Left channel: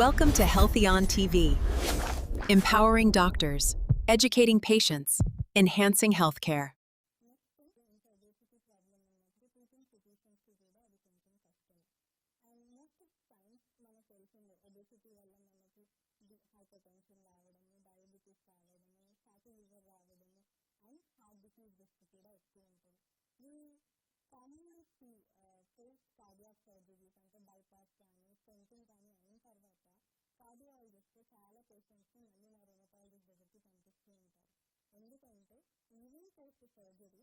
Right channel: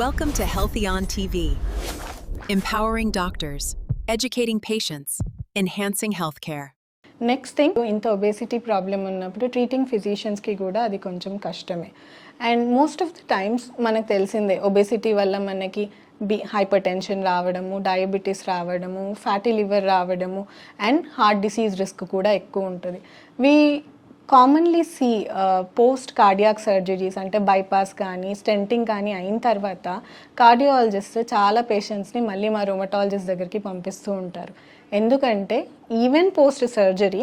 Welcome to Healthy on TV, empowering doctors, educating patients, enhancing healthcare. Next thing, ఇంత obesity problem ఉన్నప్పుడు treating ఫిజిషియన్స్కి కూడా అది కొంచెం కష్టమే. And most of the times మనకు తెలిసిందే ఒబేసిటీ వల్ల మనకి హైపర్ టెన్షన్ రావడము, డయాబెటీస్ రావడము, ఫ్యాటీ లివర్ రావడము అండ్ హార్ట్ డిసీజ్ రిస్క్ కూడా ఎక్కువ ఉంటుంది. కామన్లీ పోస్ట్ కార్డియాక్ సర్జరీస్ అంటే బైపాస్ కానీ స్టెంటింగ్ కానీ అయిన తర్వాత కార్డియాలజిస్ట్ చాలా పేషెంట్స్ని మళ్ళీ మా రొమటాలజిస్ట్ దగ్గరికి పంపిస్తూ ఉంటారు. ఎందుకంటే ఈవెన్ పోస్ట్ సర్జరీ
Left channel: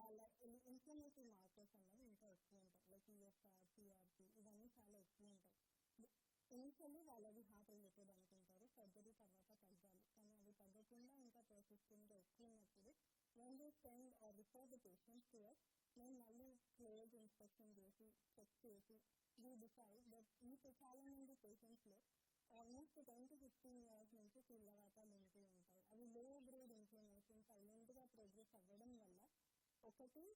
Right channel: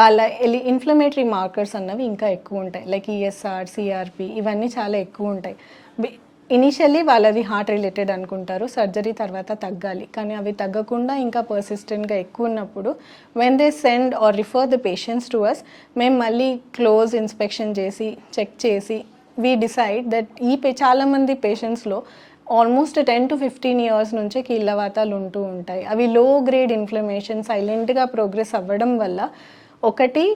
వాళ్ళ ఇన్ఫ్లమేటరీ మార్కర్స్ అన్నవి ఇంకా ఎక్కువ ఉంటాయి. లైక్ ఈఎస్ఆర్, సిఆర్పి ఇవన్నీ చాలా ఎక్కువ ఉంటాయి. ఇనిషియల్లీ వాళ్ళది హార్ట్ రిలేటెడ్ అనుకుంటారు, సర్జరీ తర్వాత తగ్గాలి, కానీ అవి తగ్గకుండా ఇంకా పర్సిస్టెంట్గా ఎక్కువ ఉన్నప్పుడు when they send or refer the patients to us, మేము మళ్ళీ క్లోజ్ ఇన్స్పెక్షన్ చేసి చెక్ చేసి వీ డిసైడ్ దట్ చాలామంది పేషెంట్స్లో ఆల్మోస్ట్ 10 to 15 years నుంచే కీళ్ళవాతాలు ఉంటూ ఉంటాయి. అవి లో గ్రేడ్ ఇన్ఫ్లమేషన్ సైలెంట్గా ప్రోగ్రెస్ అవ్వడం వల్ల ఒకటి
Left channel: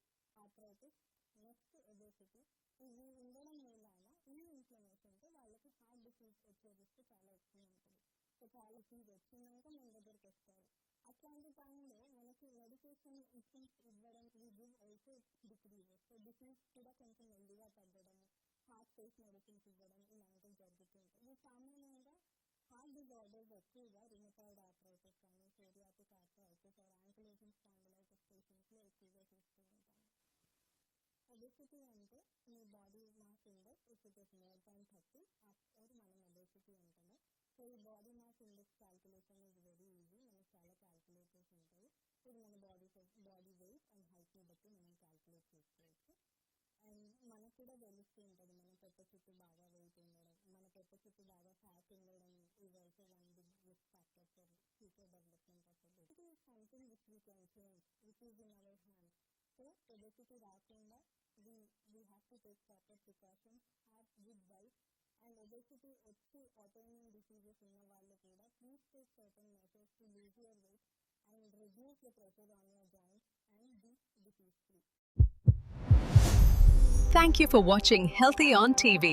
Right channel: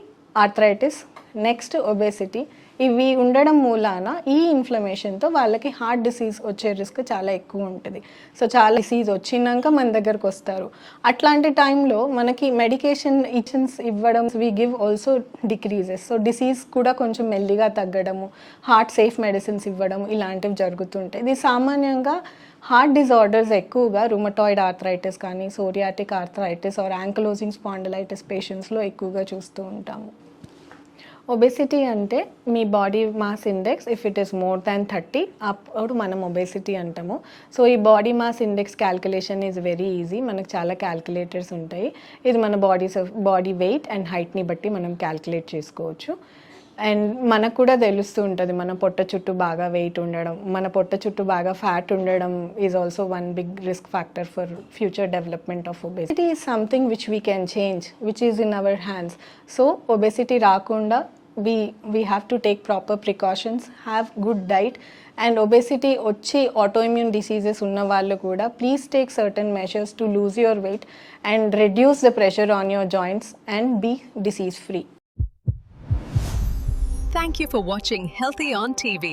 ఆర్థరైటిస్, నెక్స్ట్ ఒబేసిటీ, ఇవి ఉండడం మూలాన ఈ ఇన్ఫ్లమేషన్తో వాళ్ళకి హార్ట్ డిసీజ్ వచ్చే రిస్క్ చాలా ఎక్కువ ఉంటుంది. సో చాలా డిసీజ్ వచ్చినాక మన దగ్గరకు వస్తారు. అట్లాంటి టైంలో మనకి మెడికేషన్ ఇవ్వడం we give also decreases. So disease కూడా కొంచెం మెల్లిగా తగ్గడము, హార్ట్ సేఫ్ మెడిసిన్స్ ఇవ్వడం ఇలాంటివి జరుగుతుంటాయి. ఇది సామాన్యంగా హార్ట్ డిజార్డర్స్ ఎక్కువగా రుమటాయిడ్ ఆర్థరైటిస్ కానీ psoriatic arthritis or ankylosing spondylitis పేషెంట్స్లో ఎక్కువగా చూస్తూ ఉంటాము. ఒబేసిటీ అంటే మీ body mass index if it is more than 30 అప్పుడు మనం ఒబేసిటీ అంటాము. సో ఈ body mass index calculation is very easy. మనకు చాలా క్యాల్కులేటర్స్ ఉంటాయి. ఇది మన బాడీ వెయిట్ అండ్ హైట్ని బట్టి మనం క్యాల్కులేట్ చేసుకోవచ్చు. అండ్ మనకు కూడా తెలుస్తూ ఉంటుంది మన పొట్ట చుట్టూ బాగా వెయిట్ ఉండడం, మన పొట్ట చుట్టూ బాగా ఫ్యాట్ ఉండడం is also one big risk factor for future development of obesity. Is something which we can change, which is in our hands. So obesity రాకుండా we have to take proper precautions, have good diet, and obesity వచ్చి autoimmune diseases ఉన్న వాళ్ళు కూడా please take certain measures to lose your weight and reduce the pressure on your joints and be disease free. Thank you for watching Healthy on TV.